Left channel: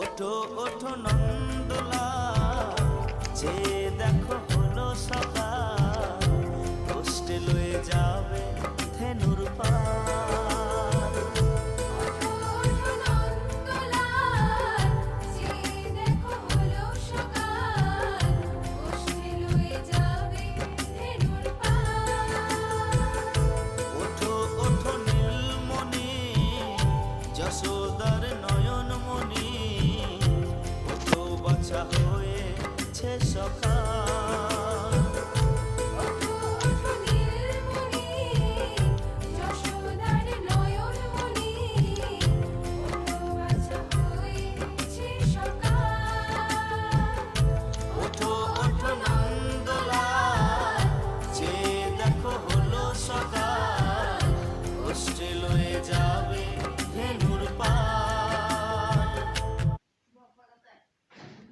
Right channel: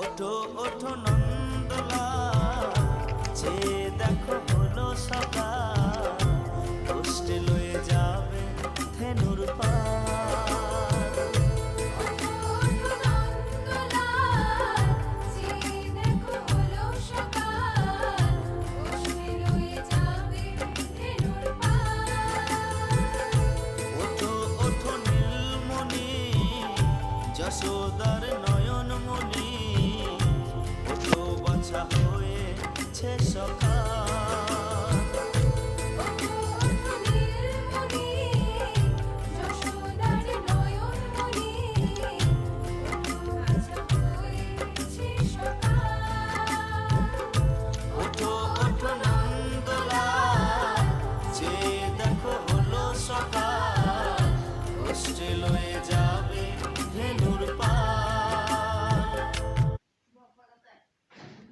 ওঠো ওঠো নন্দলাল, চেয়ে দেখো হলো সকাল, কষ্টে লয়ে যাবে ধেনুর পার। ওঠো ওঠো নন্দলাল, চেয়ে দেখো হলো সকাল, কষ্টে লয়ে যাবে ধেনুর পার। ওঠো ওঠো নীলমণি, যশোদার নয়নমণি, ওঠো বাছা হয়েছে সকাল।